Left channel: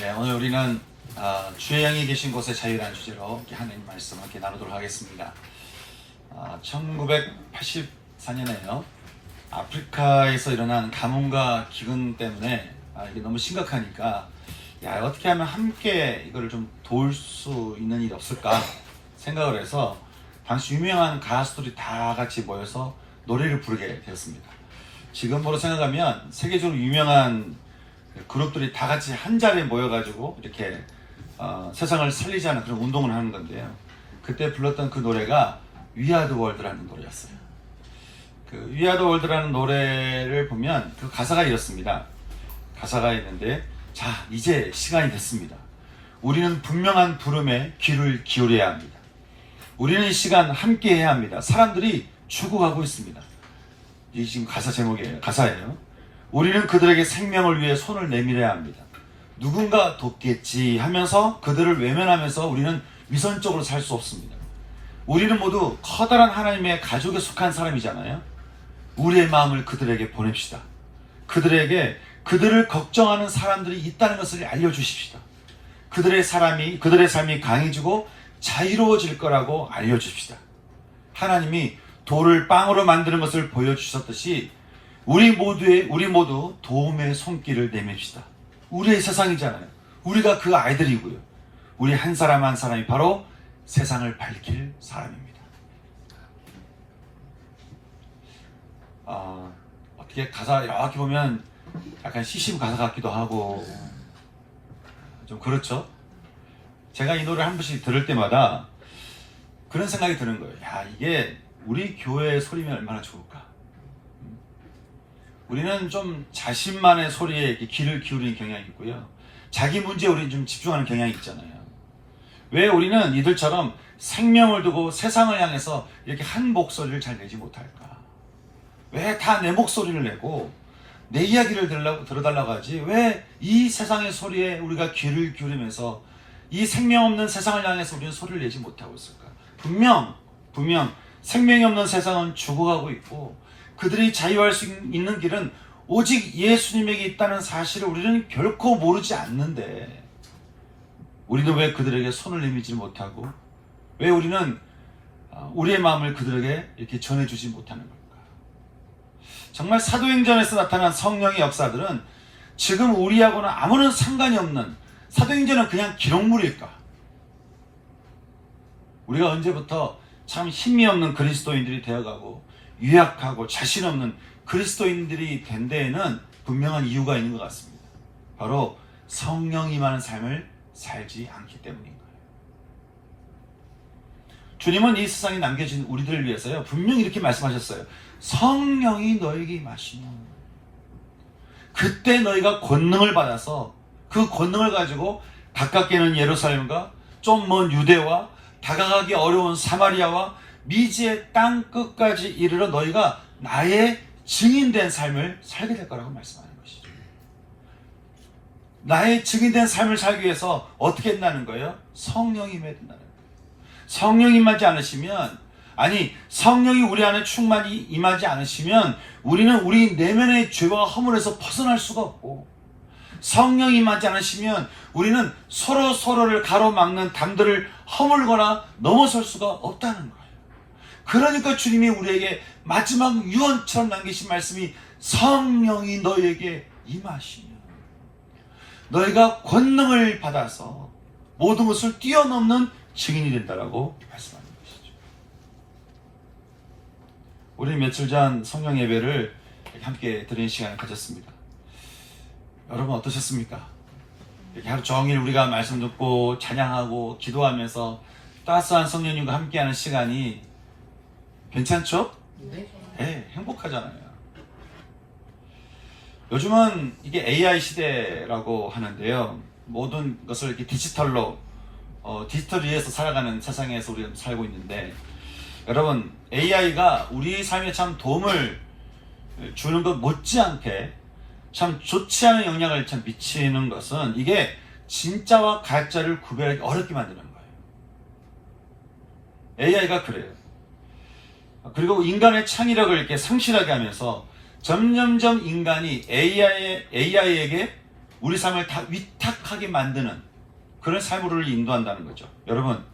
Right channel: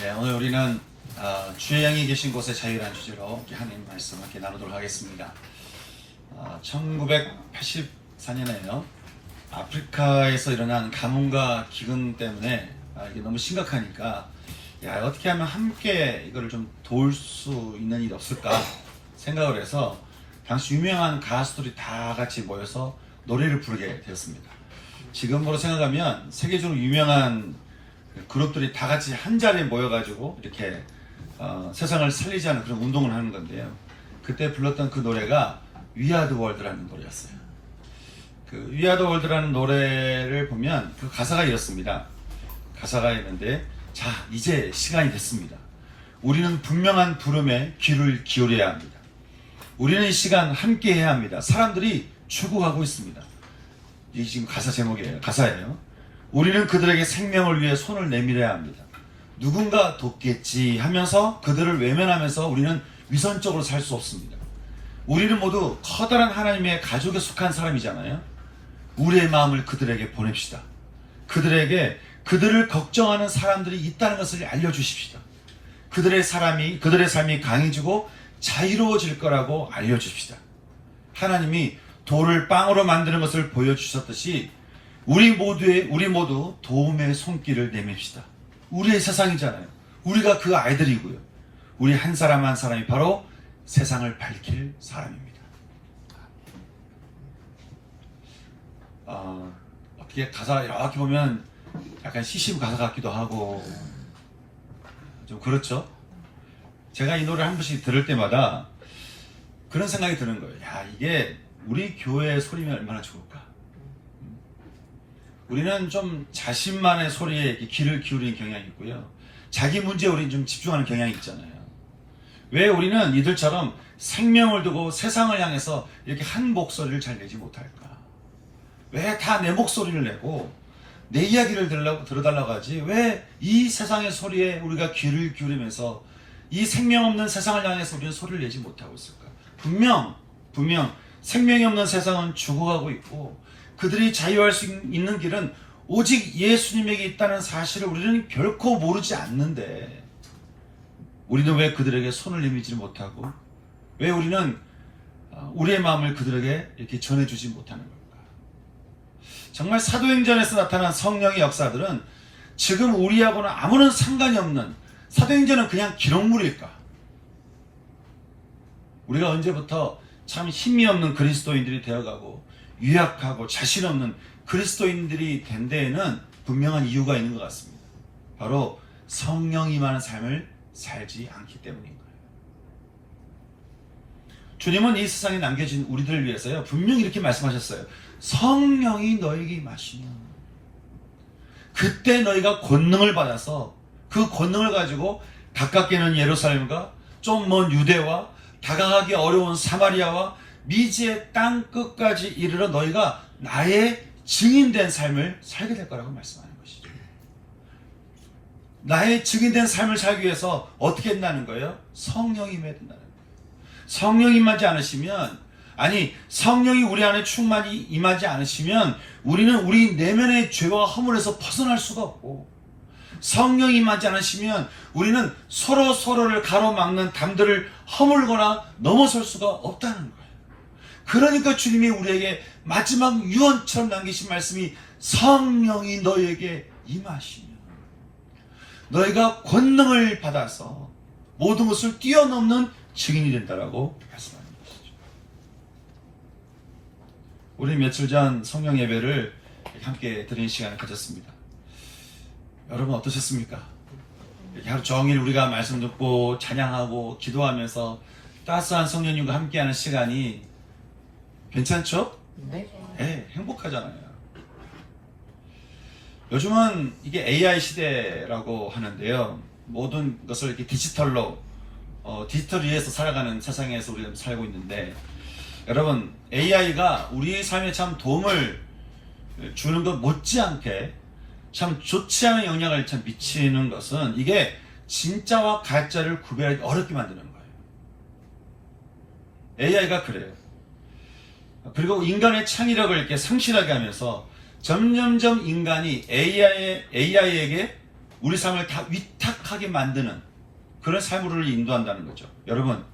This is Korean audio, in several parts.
네, 오늘 우리는 주의 영이 계신 곳에 자유라는 주제로 하나님 말씀을 이렇게 나누도록 하겠습니다. 1984년에요. 아프리카에서 일어난 가뭄과 기근 때문에 이게 너무 심각하니까 어떻게 하면 함께 이거를 좀 도울 수 있는 일이 없을까 생각을 해서 당시 유명한 가수들이 다 같이 모여서 노래를 부르게 되었습니다. 지금으로 생각하면 세계적으로 유명한 그룹들이 다 같이 한 자리에 모여가지고 이렇게 세상을 살리자는 그런 운동을 하는 건데요. 그때 불렀던 그 노래가 We Are The World라는 노래였어요. 그 We Are The World라는 노래를 보면 그 가사가 이렇습니다. 가사가 있는데, 자, 이제 시간이 됐습니다. 우리는 분명한 부름에 귀를 기울여야 합니다. 우리는 이 시간 함께 해야 합니다. 사람들이 죽어가고 있습니다. 이게 지금 가사 제목이에요. 가사예요. 우리는 그들에게 생명을 위해 손을 내밀어야 합니다. 누군가 돕겠지 하면서 그들을 외면하면서 우리는 위선적으로 살 수 없습니다. 우리는 모두 커다란 하나님의 가족에 속한 사람이잖아요. 우리의 마음을 그들에게 보냅시다. 그들을 걱정하는 사람들이 있다는 것을 알려주십시다. 그들의 삶이 강해지고 자유로워질 거라고 알려주십시다. 하나님이 돌을 빵으로 만드는 것을 보여주셨듯이 우리 모두 도움의 손길을 내밉시다. 우리의 세상이잖아요. 우리가 그 아이들이고요. 우리 한 사람 한 사람이 바로 세상을 밝힐 사람입니다. 어떻게 가사 이렇게 보면 약간 시심 가사 같기도 하고 좀 그렇죠? 제가 이 노래를 한 번씩 들을 때마다 그런 생각이 드는 거예요. 이게 우리 교회의 소리면 얼마나 좋을까? 우리는 좀 자신만의 소리에 이렇게 귀를 기울이는 경향이 있고요. 자기 문제에 우리는 좀 집중하는 경향이 있잖아요. 왜 우리는 이들처럼 생명을 두고 세상을 향해서 이렇게 한 목소리를 잘 내지 못할까? 왜 다 내 목소리를 내고 내 이야기를 들어달라고 하지? 왜 이 세상의 소리에 우리가 귀를 기울이면서 이 생명 없는 세상을 향해서 우리는 소리를 내지 못하고 있을까? 분명 생명이 없는 세상은 죽어가고 있고 그들이 자유할 수 있는 길은 오직 예수님에게 있다는 사실을 우리는 결코 모르지 않는데 우리는 왜 그들에게 손을 내밀지 못하고 왜 우리는 우리의 마음을 그들에게 이렇게 전해주지 못하는 걸까? 정말 사도행전에서 나타난 성령의 역사들은 지금 우리하고는 아무런 상관이 없는 사도행전은 그냥 기록물일까? 우리가 언제부터 참 힘이 없는 그리스도인들이 되어가고 유약하고 자신 없는 그리스도인들이 된 데에는 분명한 이유가 있는 것 같습니다. 바로 성령이 임하는 삶을 살지 않기 때문인 거예요. 주님은 이 세상에 남겨진 우리들을 위해서요 분명히 이렇게 말씀하셨어요. 성령이 너에게 임하시면 그때 너희가 권능을 받아서 그 권능을 가지고 가깝게 있는 예루살렘과 좀 먼 유대와 다가가기 어려운 사마리아와 미지의 땅 끝까지 이르러 너희가 나의 증인된 삶을 살게 될 거라고 말씀하는 것이죠. 나의 증인된 삶을 살기 위해서 어떻게 된다는 거예요? 성령이 임해야 된다는 거예요. 성령이 임하지 않으시면, 성령이 우리 안에 충만히 임하지 않으시면 우리는 우리 내면의 죄와 허물에서 벗어날 수가 없고, 성령이 임하지 않으시면 우리는 서로를 가로막는 담들을 허물거나 넘어설 수가 없다는 거예요. 그러니까 주님이 우리에게 마지막 유언처럼 남기신 말씀이 성령이 너희에게 임하시면 너희가 권능을 받아서 모든 것을 뛰어넘는 증인이 된다라고 말씀하는 것이죠. 우리 며칠 전 성령 예배를 함께 드리는 시간을 가졌습니다. 여러분 어떠셨습니까? 이렇게 하루 종일 우리가 말씀 듣고 찬양하고 기도하면서 따스한 성령님과 함께하는 시간이 괜찮죠? 네, 행복하잖아요. 요즘은 이게 AI 시대라고 하는데요. 모든 것을 이렇게 디지털로, 디지털 위에서 살아가는 세상에서 우리가 살고 있는데, 여러분, AI가 우리 삶에 참 도움을 주는 것 못지않게 참 좋지 않은 영향을 참 미치는 것은 이게 진짜와 가짜를 구별하기 어렵게 만드는 거예요. AI가 그래요. 그리고 인간의 창의력을 이렇게 상실하게 하면서 점점점 인간이 AI에게 우리 삶을 다 위탁하게 만드는 그런 삶으로 인도한다는 거죠. 여러분,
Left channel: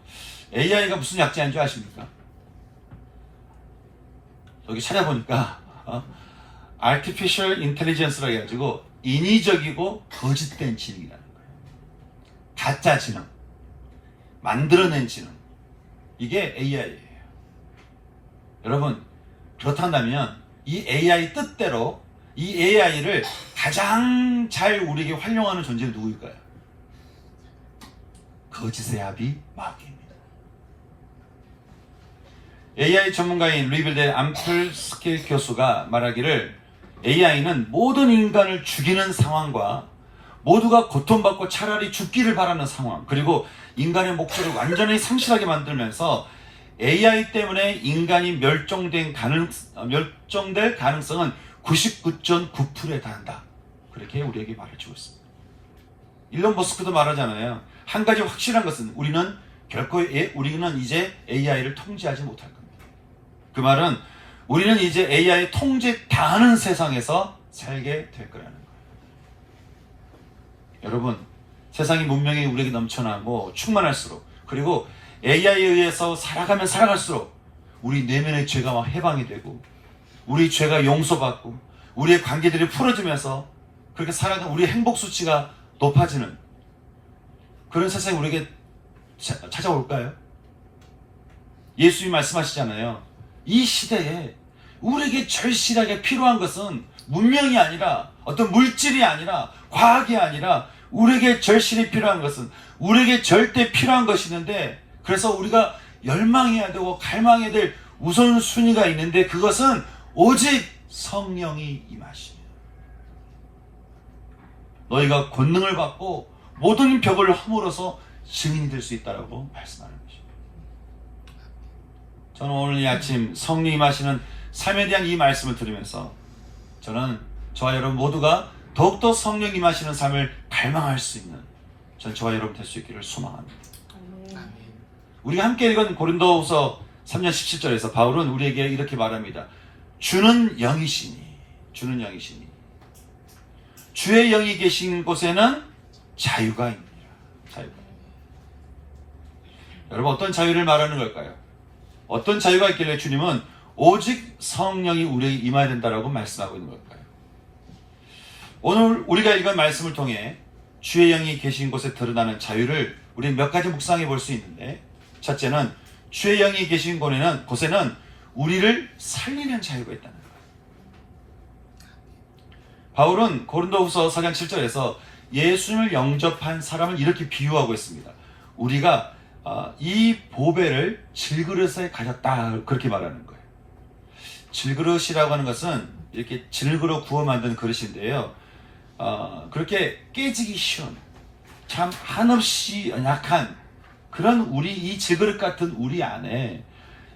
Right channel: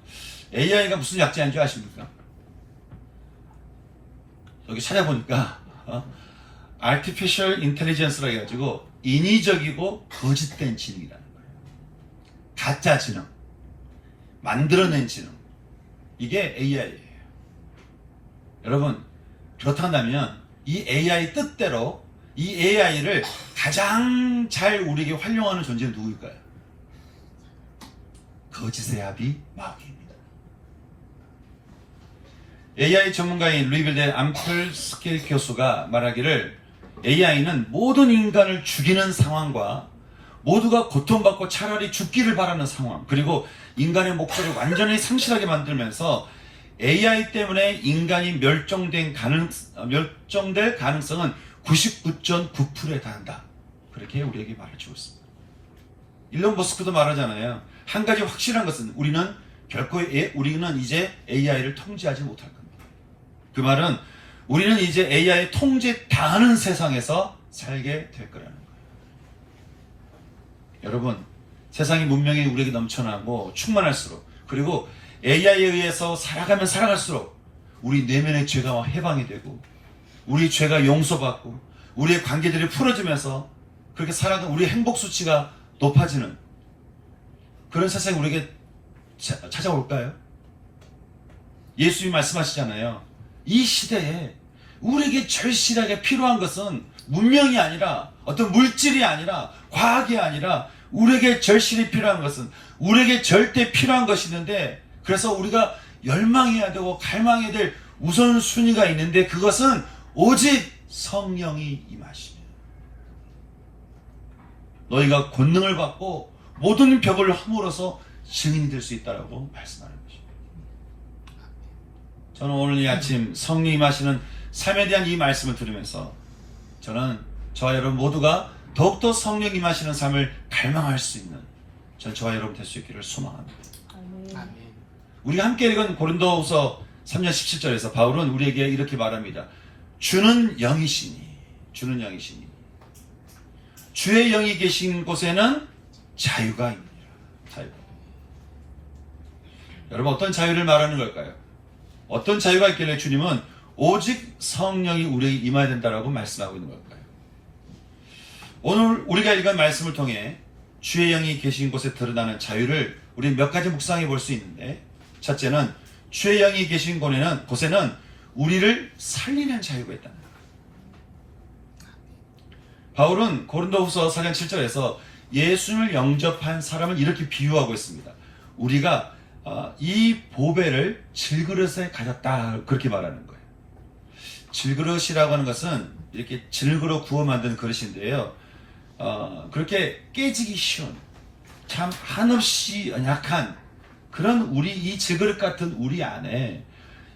AI가 무슨 약자인 줄 아십니까? 여기 찾아보니까 Artificial Intelligence라고 해가지고 인위적이고 거짓된 지능이라는 거예요. 가짜 지능, 만들어낸 지능, 이게 AI예요. 여러분, 그렇다면 이 AI 뜻대로 이 AI를 가장 잘 우리에게 활용하는 존재는 누구일까요? 거짓의 아비 마귀입니다. AI 전문가인 루이빌대 암플스키 교수가 말하기를 AI는 모든 인간을 죽이는 상황과 모두가 고통받고 차라리 죽기를 바라는 상황, 그리고 인간의 목표를 완전히 상실하게 만들면서 AI 때문에 인간이 멸종될 가능성은 99.9%에 달한다. 그렇게 우리에게 말해주고 있습니다. 일론 머스크도 말하잖아요. 한 가지 확실한 것은 우리는 이제 AI를 통제하지 못할 겁니다. 그 말은 우리는 이제 AI 통제 당하는 세상에서 살게 될 거라는 거예요. 여러분, 세상이 문명이 우리에게 넘쳐나고 충만할수록, 그리고 AI에 의해서 살아가면 살아갈수록 우리 내면의 죄가 해방이 되고 우리 죄가 용서받고 우리의 관계들이 풀어지면서 그렇게 살아가는 우리의 행복 수치가 높아지는 그런 세상이 우리에게 찾아올까요? 예수님이 말씀하시잖아요. 이 시대에 우리에게 절실하게 필요한 것은 문명이 아니라 어떤 물질이 아니라 과학이 아니라 우리에게 절실히 필요한 것은 우리에게 절대 필요한 것이 있는데, 그래서 우리가 열망해야 되고 갈망해야 될 우선순위가 있는데 그것은 오직 성령이 임하시며 너희가 권능을 받고 모든 벽을 허물어서 증인이 될 수 있다고 말씀하는 것입니다. 저는 오늘 이 아침 성령 임하시는 삶에 대한 이 말씀을 들으면서 저는 저와 여러분 모두가 더욱더 성령 임하시는 삶을 갈망할 수 있는 저와 여러분 될 수 있기를 소망합니다. 우리가 함께 읽은 고린도후서 3장 17절에서 바울은 우리에게 이렇게 말합니다. 주는 영이시니 주의 영이 계신 곳에는 자유가 있느니라. 자유가. 여러분, 어떤 자유를 말하는 걸까요? 어떤 자유가 있길래 주님은 오직 성령이 우리에게 임해야 된다고 말씀하고 있는 걸까요? 오늘 우리가 읽은 말씀을 통해 주의 영이 계신 곳에 드러나는 자유를 우리 몇 가지 묵상해 볼 수 있는데, 첫째는 주의 영이 계신 곳에는 우리를 살리는 자유가 있다는 거예요. 바울은 고린도후서 4장 7절에서 예수님을 영접한 사람을 이렇게 비유하고 있습니다. 우리가 이 보배를 질그릇에 가졌다, 그렇게 말하는 거예요. 질그릇이라고 하는 것은 이렇게 질그릇 구워 만든 그릇인데요. 그렇게 깨지기 쉬운, 참 한없이 연약한 그런 우리 이 질그릇 같은 우리 안에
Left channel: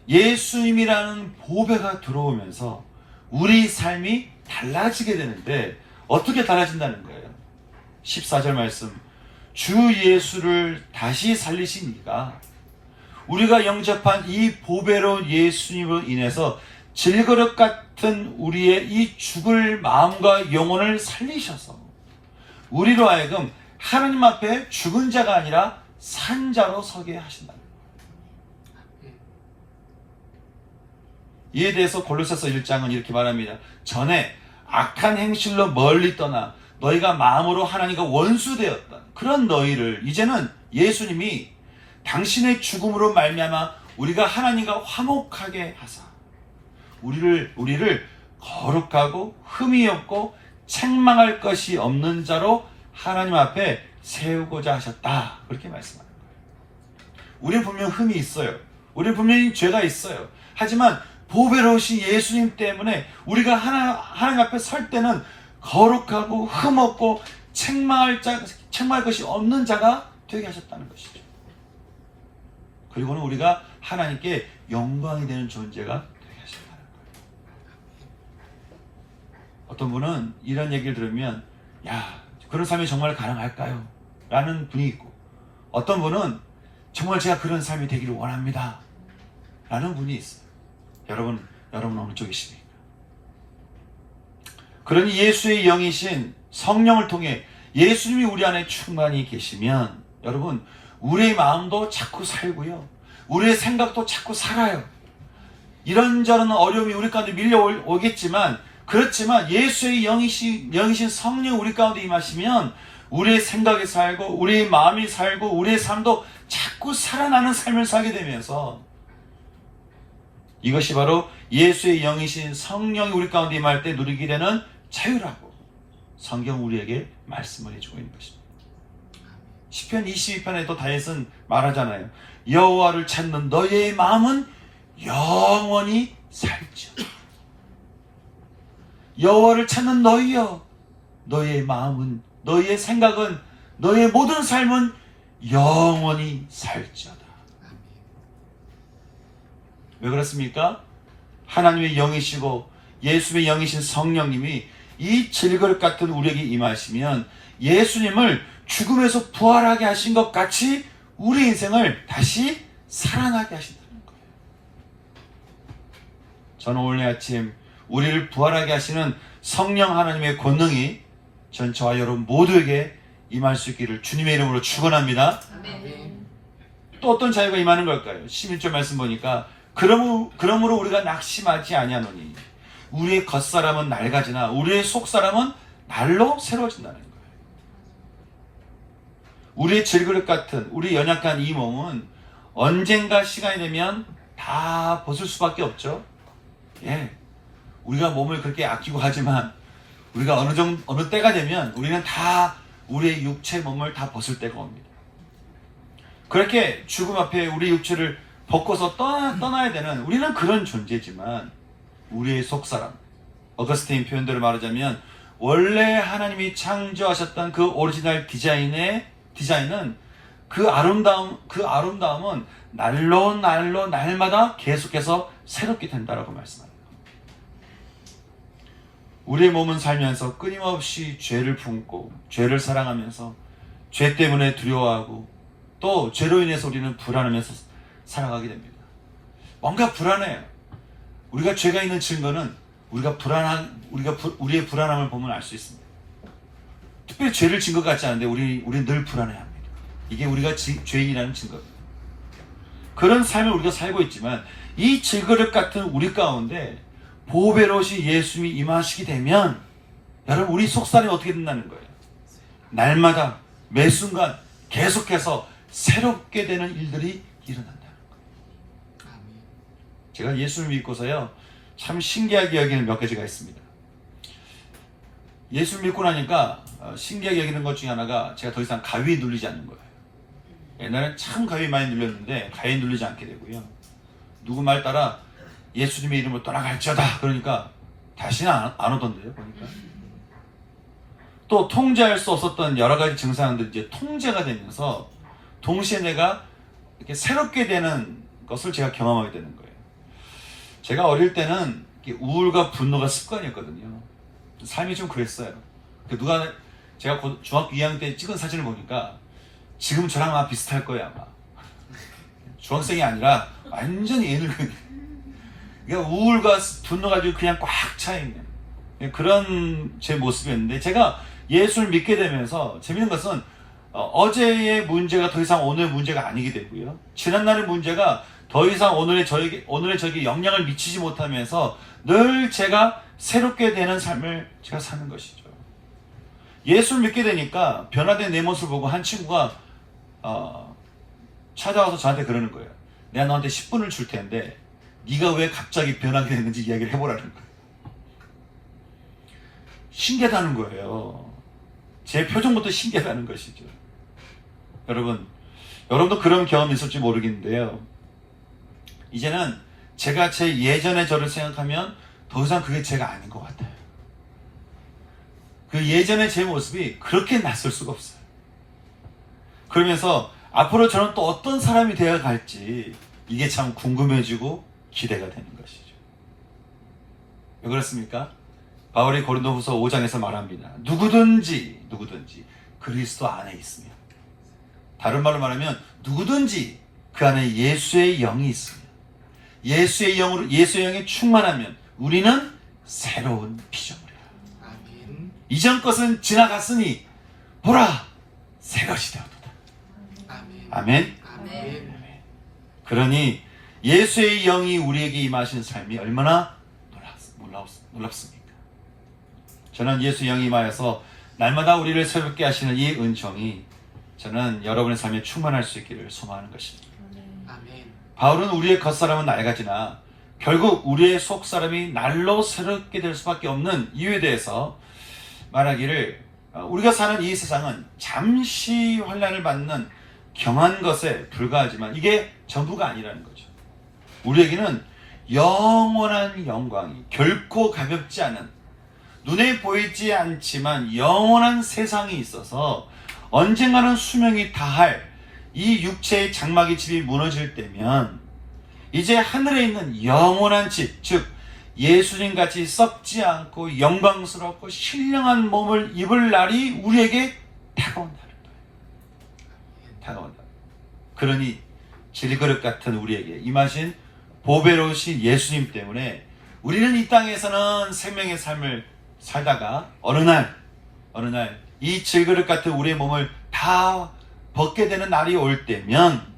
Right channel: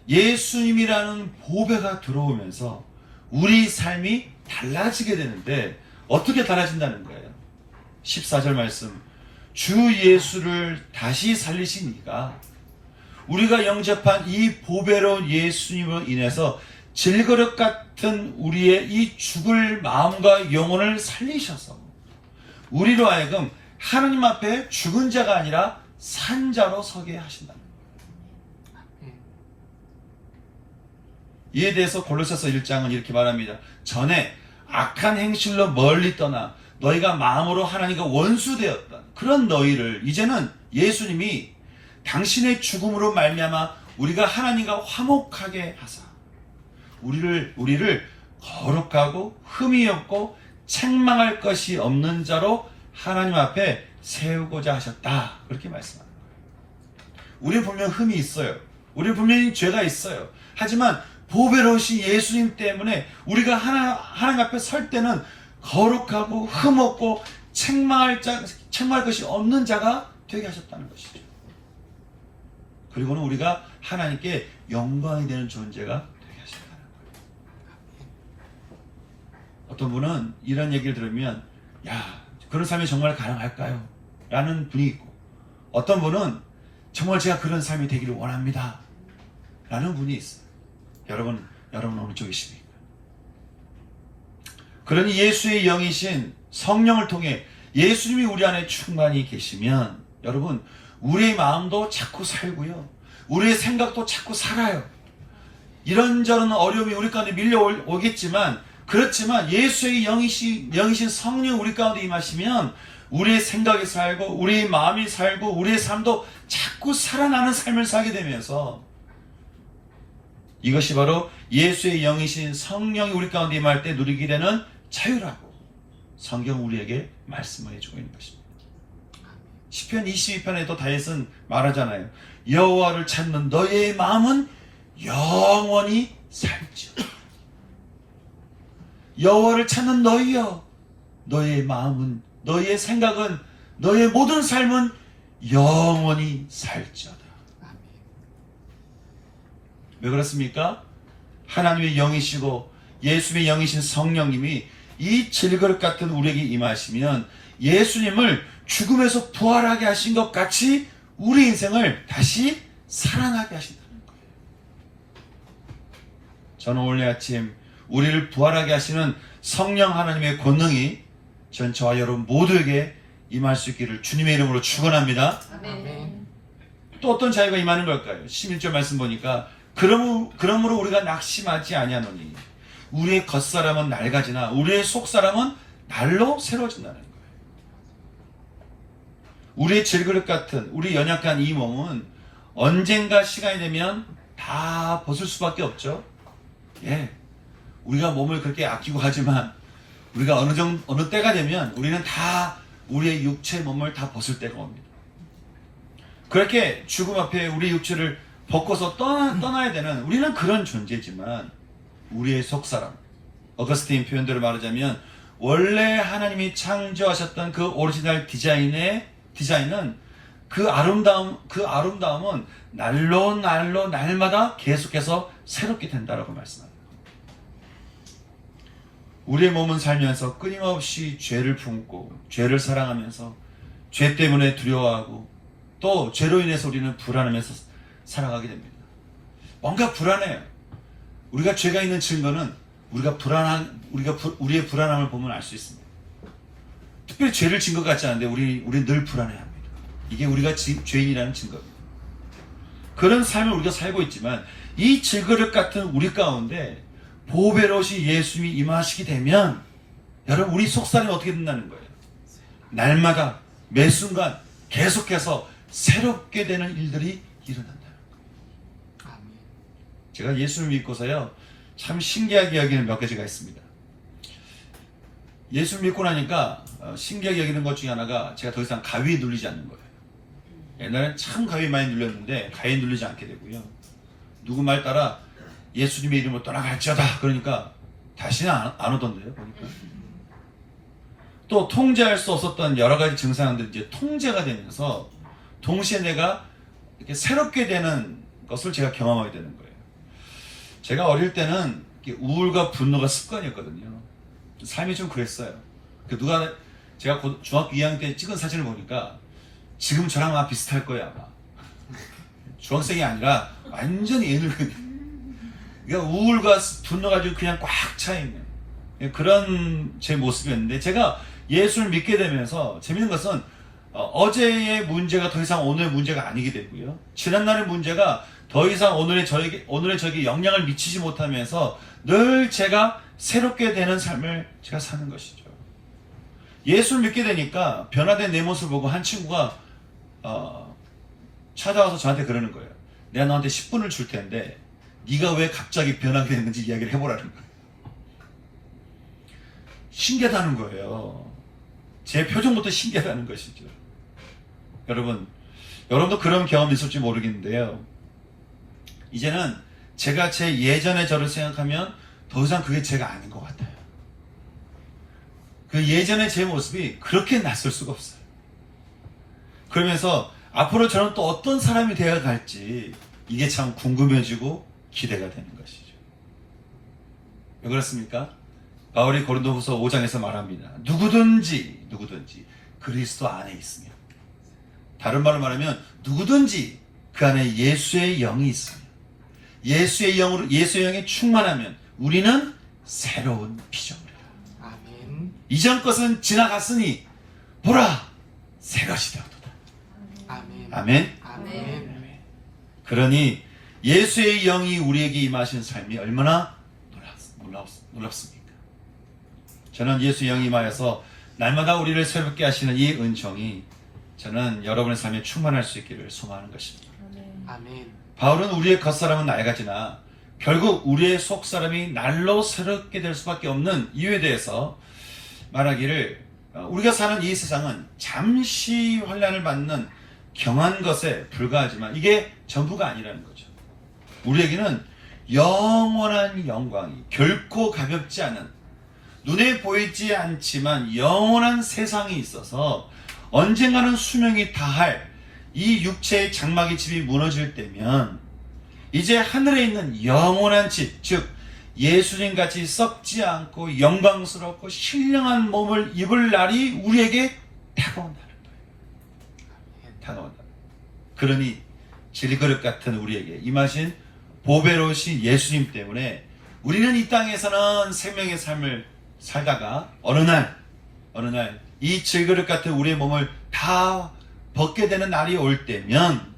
예수님이라는 보배가 들어오면서 우리 삶이 달라지게 되는데, 어떻게 달라진다는 거예요? 14절 말씀, 주 예수를 다시 살리신 이가 우리가 영접한 이 보배로운 예수님으로 인해서 질그릇 같은 우리의 이 죽을 마음과 영혼을 살리셔서 우리로 하여금 하나님 앞에 죽은 자가 아니라 산 자로 서게 하신다. 이에 대해서 골로새서 1장은 이렇게 말합니다. 전에 악한 행실로 멀리 떠나 너희가 마음으로 하나님과 원수되었다. 그런 너희를 이제는 예수님이 당신의 죽음으로 말미암아 우리가 하나님과 화목하게 하사 우리를 거룩하고 흠이 없고 책망할 것이 없는 자로 하나님 앞에 세우고자 하셨다. 그렇게 말씀합니다. 우리는 분명 흠이 있어요. 우리는 분명히 죄가 있어요. 하지만 보배로우신 예수님 때문에 우리가 하나님 앞에 설 때는 거룩하고 흠없고 책망할 것이 없는 자가 되게 하셨다는 것이죠. 그리고는 우리가 하나님께 영광이 되는 존재가 되게 하셨다는 거예요. 어떤 분은 이런 얘기를 들으면 그런 삶이 정말 가능할까요? 라는 분이 있고, 어떤 분은 정말 제가 그런 삶이 되기를 원합니다 라는 분이 있어요. 여러분 어느 쪽이십니까? 그러니 예수의 영이신 성령을 통해 예수님이 우리 안에 충만히 계시면 여러분 우리의 마음도 자꾸 살고요. 우리의 생각도 자꾸 살아요. 이런저런 어려움이 우리 가운데 밀려오겠지만 그렇지만 예수의 영이신 성령 우리 가운데 임하시면 우리의 생각이 살고 우리의 마음이 살고 우리의 삶도 자꾸 살아나는 삶을 살게 되면서 이것이 바로 예수의 영이신 성령이 우리 가운데 임할 때 누리게 되는 자유라고 성경 우리에게 말씀을 해주고 있는 것입니다. 시편 22편에도 다윗은 말하잖아요. 여호와를 찾는 너의 마음은 영원히 살지어다. 여호와를 찾는 너희여, 너의 마음은, 너의 생각은, 너의 모든 삶은 영원히 살지어다. 왜 그렇습니까? 하나님의 영이시고 예수의 영이신 성령님이 이 질그릇 같은 우리에게 임하시면 예수님을 죽음에서 부활하게 하신 것 같이 우리 인생을 다시 살아나게 하신다는 거예요. 저는 오늘 아침 우리를 부활하게 하시는 성령 하나님의 권능이 전 저와 여러분 모두에게 임할 수 있기를 주님의 이름으로 축원합니다. 아멘. 또 어떤 자유가 임하는 걸까요? 11절 말씀 보니까 그러므로 우리가 낙심하지 아니하노니 우리의 겉사람은 낡아지나 우리의 속사람은 날로 새로워진다는 거예요. 우리의 질그릇 같은 우리 연약한 이 몸은 언젠가 시간이 되면 다 벗을 수밖에 없죠. 예, 우리가 몸을 그렇게 아끼고 하지만 우리가 어느 때가 되면 우리는 다 우리의 육체 몸을 다 벗을 때가 옵니다. 그렇게 죽음 앞에 우리 육체를 벗고서 떠나야 되는 우리는 그런 존재지만 우리의 속사람, 어거스틴 표현대로 말하자면 원래 하나님이 창조하셨던 그 오리지널 디자인은 그 아름다움은 날마다 계속해서 새롭게 된다라고 말씀합니다. 우리의 몸은 살면서 끊임없이 죄를 품고 죄를 사랑하면서 죄 때문에 두려워하고 또 죄로 인해서 우리는 불안하면서 살아가게 됩니다. 뭔가 불안해요. 우리가 죄가 있는 증거는 우리의 불안함을 보면 알 수 있습니다. 특별히 죄를 진 것 같지 않은데 우리는 늘 불안해합니다. 이게 우리가 죄인이라는 증거입니다. 그런 삶을 우리가 살고 있지만 이 질그릇 같은 우리 가운데 보배로우신 예수님이 임하시게 되면 여러분 우리 속살이 어떻게 된다는 거예요? 날마다 매 순간 계속해서 새롭게 되는 일들이 일어난다는 거예요. 제가 예수를 믿고서요 참 신기하게 여기는 몇 가지가 있습니다. 예수를 믿고 나니까 신기하게 여기는 것 중에 하나가 제가 더 이상 가위에 눌리지 않는 거예요. 옛날엔 참 가위 많이 눌렸는데 가위에 눌리지 않게 되고요. 누구 말 따라 예수님의 이름으로 떠나갈지어다 그러니까 다시는 안 오던데요. 그러니까. 또 통제할 수 없었던 여러 가지 증상들이 이제 통제가 되면서 동시에 내가 이렇게 새롭게 되는 것을 제가 경험하게 되는 거예요. 제가 어릴 때는 우울과 분노가 습관이었거든요. 삶이 좀 그랬어요. 제가 중학교 2학년 때 찍은 사진을 보니까 지금 저랑 아마 비슷할 거예요. 아마 중학생이 아니라 완전히 애늙은 그러니까 우울과 분노가 아주 그냥 꽉 차있는 그런 제 모습이었는데 제가 예수를 믿게 되면서 재밌는 것은 어제의 문제가 더 이상 오늘의 문제가 아니게 되고요. 지난날의 문제가 더 이상 오늘의 저에게 영향을 미치지 못하면서 늘 제가 새롭게 되는 삶을 제가 사는 것이죠. 예수를 믿게 되니까 변화된 내 모습을 보고 한 친구가 찾아와서 저한테 그러는 거예요. 내가 너한테 10분을 줄 텐데 네가 왜 갑자기 변하게 됐는지 이야기를 해보라는 거예요. 신기하다는 거예요. 제 표정부터 신기하다는 것이죠. 여러분도 그런 경험이 있을지 모르겠는데요. 이제는 제가 제 예전의 저를 생각하면 더 이상 그게 제가 아닌 것 같아요. 그 예전의 제 모습이 그렇게 낯설 수가 없어요. 그러면서 앞으로 저는 또 어떤 사람이 되어 갈지 이게 참 궁금해지고 기대가 되는 것이죠. 왜 그렇습니까? 바울이 고린도후서 5장에서 말합니다. 누구든지 그리스도 안에 있으면, 다른 말로 말하면 누구든지 그 안에 예수의 영이 있으면, 예수의 영이 충만하면 우리는 새로운 피조물이다. 아멘. 이전 것은 지나갔으니 보라 새 것이 되었도다. 아멘. 아멘. 아멘. 그러니 예수의 영이 우리에게 임하신 삶이 얼마나 놀랍습니까? 저는 예수의 영이 임하여서 날마다 우리를 새롭게 하시는 이 은총이 저는 여러분의 삶에 충만할 수 있기를 소망하는 것입니다. 아멘. 바울은 우리의 겉사람은 낡아지나 결국 우리의 속사람이 날로 새롭게 될 수밖에 없는 이유에 대해서 말하기를, 우리가 사는 이 세상은 잠시 환난을 받는 경한 것에 불과하지만 이게 전부가 아니라는 거죠. 우리에게는 영원한 영광이 결코 가볍지 않은, 눈에 보이지 않지만 영원한 세상이 있어서 언젠가는 수명이 다할 이 육체의 장막의 집이 무너질 때면 이제 하늘에 있는 영원한 집, 즉 예수님 같이 썩지 않고 영광스럽고 신령한 몸을 입을 날이 우리에게 다가온다는 거예요. 다가온다. 그러니 질그릇 같은 우리에게 임하신 보배로우신 예수님 때문에 우리는 이 땅에서는 생명의 삶을 살다가 어느 날 이 질그릇 같은 우리의 몸을 다 벗게 되는 날이 올 때면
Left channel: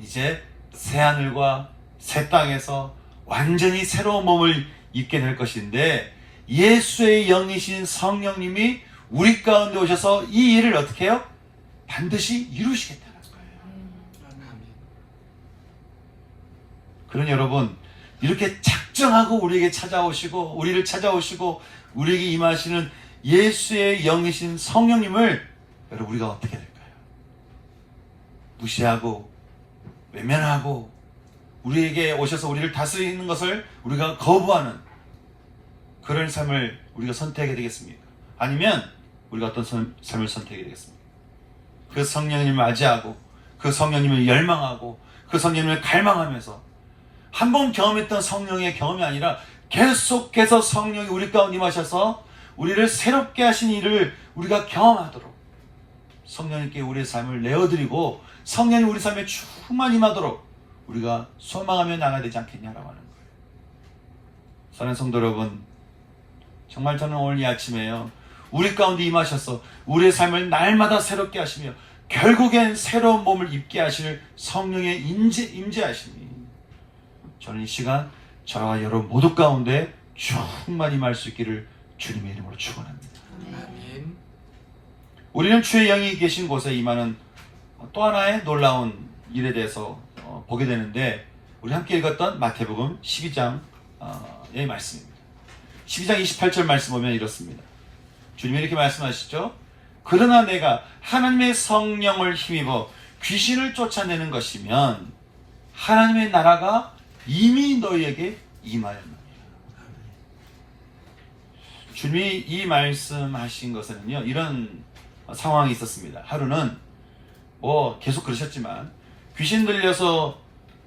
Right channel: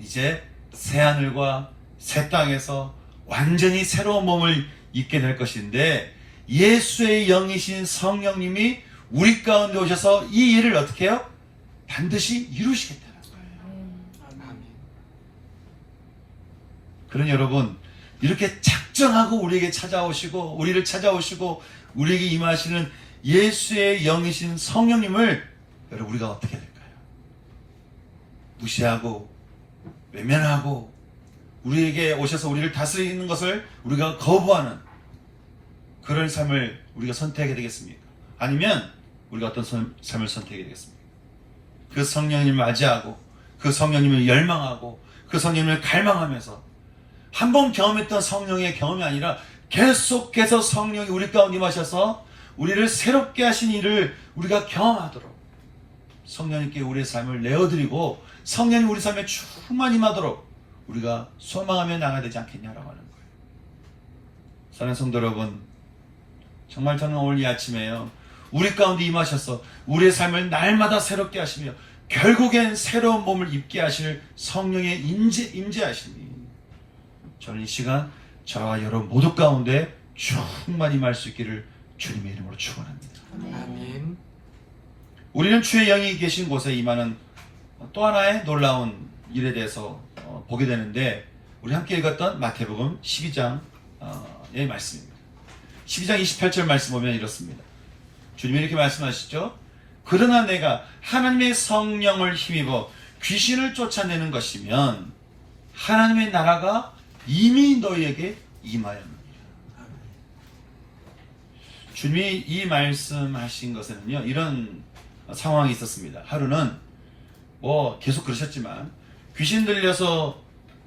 이제 새하늘과 새 땅에서 완전히 새로운 몸을 입게 될 것인데, 예수의 영이신 성령님이 우리 가운데 오셔서 이 일을 어떻게 해요? 반드시 이루시겠다는 거예요. 그러니 여러분, 이렇게 작정하고 우리에게 찾아오시고 우리를 찾아오시고 우리에게 임하시는 예수의 영이신 성령님을 여러분 우리가 어떻게 될까요? 무시하고 외면하고 우리에게 오셔서 우리를 다스리는 것을 우리가 거부하는 그런 삶을 우리가 선택해야 되겠습니까? 아니면 우리가 어떤 삶을 선택해야 되겠습니까? 그 성령님을 맞이하고 그 성령님을 열망하고 그 성령님을 갈망하면서 한 번 경험했던 성령의 경험이 아니라 계속해서 성령이 우리 가운데 임하셔서 우리를 새롭게 하신 일을 우리가 경험하도록 성령님께 우리의 삶을 내어드리고 성령이 우리 삶에 충만히 임하도록 우리가 소망하며 나가야 되지 않겠냐라고 하는 거예요. 사랑하는 성도 여러분, 정말 저는 오늘 이 아침에요, 우리 가운데 임하셔서 우리의 삶을 날마다 새롭게 하시며 결국엔 새로운 몸을 입게 하실 성령의 임재하시니 저는 이 시간 저와 여러분 모두 가운데 충만히 임할 수 있기를 주님의 이름으로 축원합니다. 아멘. 우리는 주의 영이 계신 곳에 임하는 또 하나의 놀라운 일에 대해서 보게 되는데, 우리 함께 읽었던 마태복음 12장의 말씀입니다. 12장 28절 말씀 보면 이렇습니다. 주님이 이렇게 말씀하시죠. 그러나 내가 하나님의 성령을 힘입어 귀신을 쫓아내는 것이면 하나님의 나라가 이미 너희에게 임하였느니라. 주님이 이 말씀하신 것에는요, 이런 상황이 있었습니다. 하루는 계속 그러셨지만 귀신 들려서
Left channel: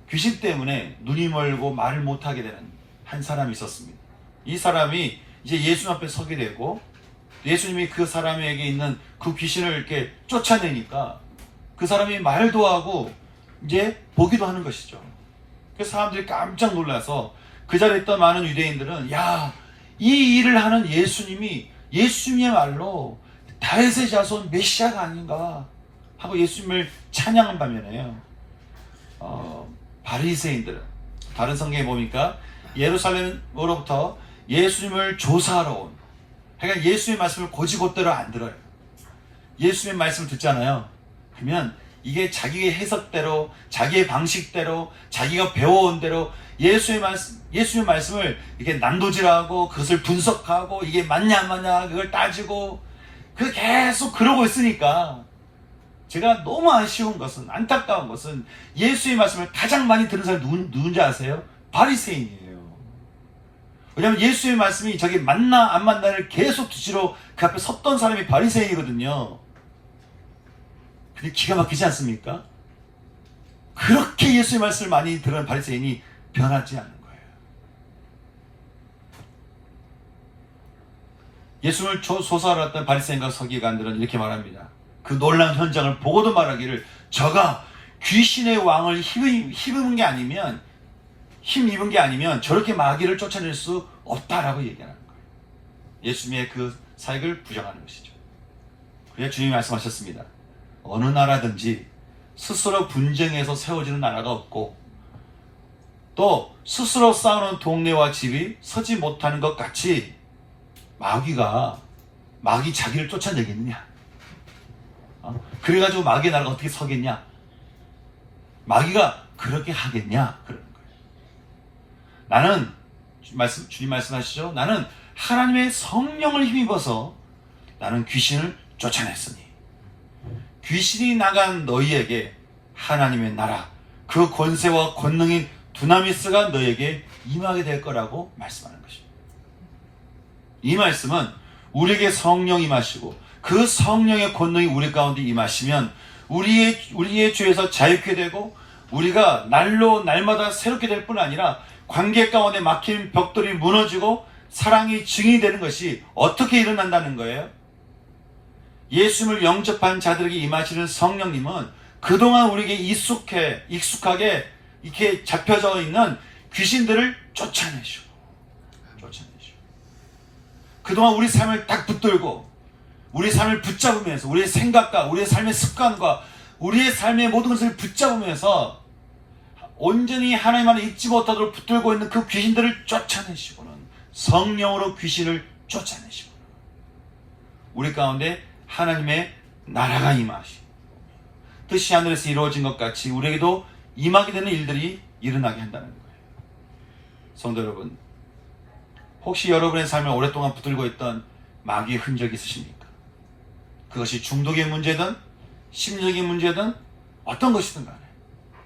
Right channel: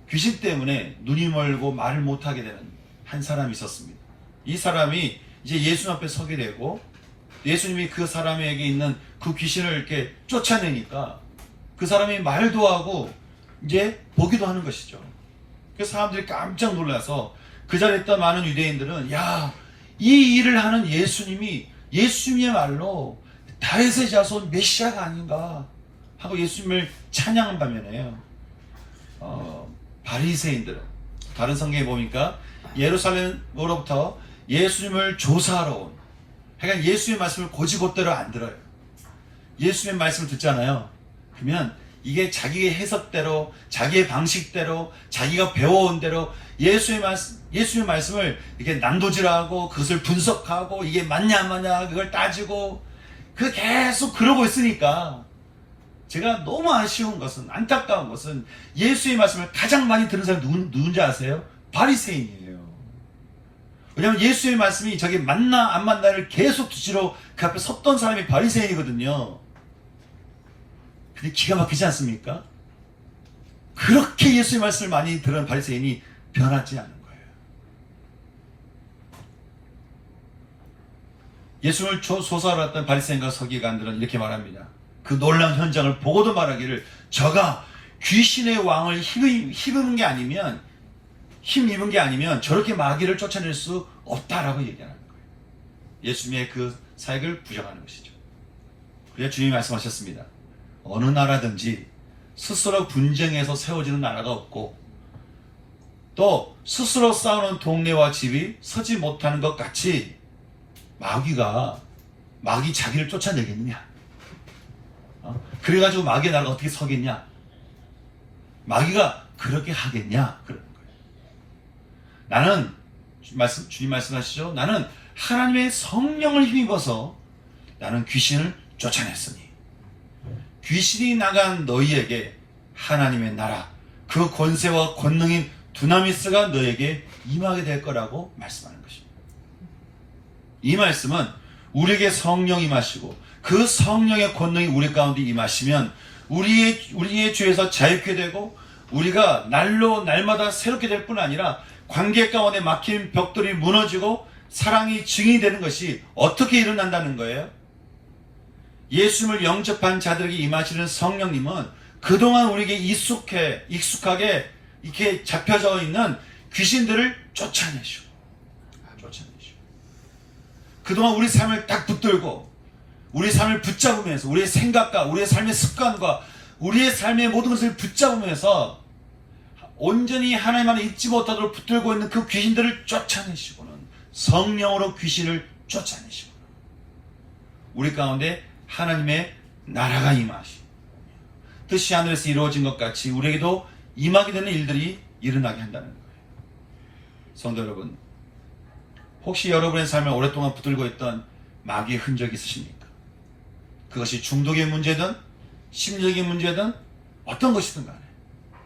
귀신 때문에 눈이 멀고 말을 못하게 되는 한 사람이 있었습니다. 이 사람이 이제 예수님 앞에 서게 되고 예수님이 그 사람에게 있는 그 귀신을 이렇게 쫓아내니까 그 사람이 말도 하고 이제 보기도 하는 것이죠. 그래서 사람들이 깜짝 놀라서 그 자리에 있던 많은 유대인들은 이 일을 하는 예수님이야말로 다윗의 자손 메시아가 아닌가 하고 예수님을 찬양한 반면에요, 바리새인들은 다른 성경에 보니까 예루살렘으로부터 예수님을 조사하러 온, 그러니까 예수님의 말씀을 고지곳대로 안 들어요. 예수님의 말씀을 듣잖아요. 그러면 이게 자기의 해석대로, 자기의 방식대로, 자기가 배워온 대로 예수의 말씀을 이렇게 난도질하고 그것을 분석하고 이게 맞냐 안 맞냐 그걸 따지고 계속 그러고 있으니까, 제가 너무 아쉬운 것은, 안타까운 것은 예수의 말씀을 가장 많이 들은 사람이 누군지 아세요? 바리새인이에요. 왜냐하면 예수의 말씀이 저게 맞나 안 맞나를 계속 두시러 그 앞에 섰던 사람이 바리새인이거든요. 근데 기가 막히지 않습니까? 그렇게 예수의 말씀을 많이 들은 바리새인이 변하지 않은 거예요. 예수를 조사하러 왔던 바리새인과 서기관들은 이렇게 말합니다. 그 놀라운 현장을 보고도 말하기를, 저가 귀신의 왕을 힘입은 게 아니면 저렇게 마귀를 쫓아낼 수 없다라고 얘기하는 거예요. 예수님의 그 사역을 부정하는 것이죠. 그냥 주님이 말씀하셨습니다. 어느 나라든지 스스로 분쟁해서 세워지는 나라가 없고 또 스스로 싸우는 동네와 집이 서지 못하는 것 같이 마귀 자기를 쫓아내겠느냐? 그래가지고 마귀의 나라가 어떻게 서겠냐? 마귀가 그렇게 하겠냐? 그런 거예요. 나는 주님 말씀하시죠. 나는 하나님의 성령을 힘입어서 나는 귀신을 쫓아냈으니 귀신이 나간 너희에게 하나님의 나라 그 권세와 권능인 두나미스가 너에게 임하게 될 거라고 말씀하는 것입니다. 이 말씀은 우리에게 성령이 임하시고 그 성령의 권능이 우리 가운데 임하시면 우리의 죄에서 자유케 되고 우리가 날마다 새롭게 될 뿐 아니라 관계 가운데 막힌 벽돌이 무너지고 사랑이 증이 되는 것이 어떻게 일어난다는 거예요? 예수님을 영접한 자들에게 임하시는 성령님은 그동안 우리에게 익숙하게 이렇게 잡혀져 있는 귀신들을 쫓아내시고 그동안 우리 삶을 딱 붙들고 우리 삶을 붙잡으면서 우리의 생각과 우리의 삶의 습관과 우리의 삶의 모든 것을 붙잡으면서 온전히 하나님 안에 잊지 못하도록 붙들고 있는 그 귀신들을 쫓아내시고는 성령으로 귀신을 쫓아내시고 우리 가운데 하나님의 나라가 임하시고 뜻이 하늘에서 이루어진 것 같이 우리에게도 임하게 되는 일들이 일어나게 한다는 거예요. 성도 여러분, 혹시 여러분의 삶을 오랫동안 붙들고 있던 마귀의 흔적이 있으십니까? 그것이 중독의 문제든 심리적인 문제든 어떤 것이든 간에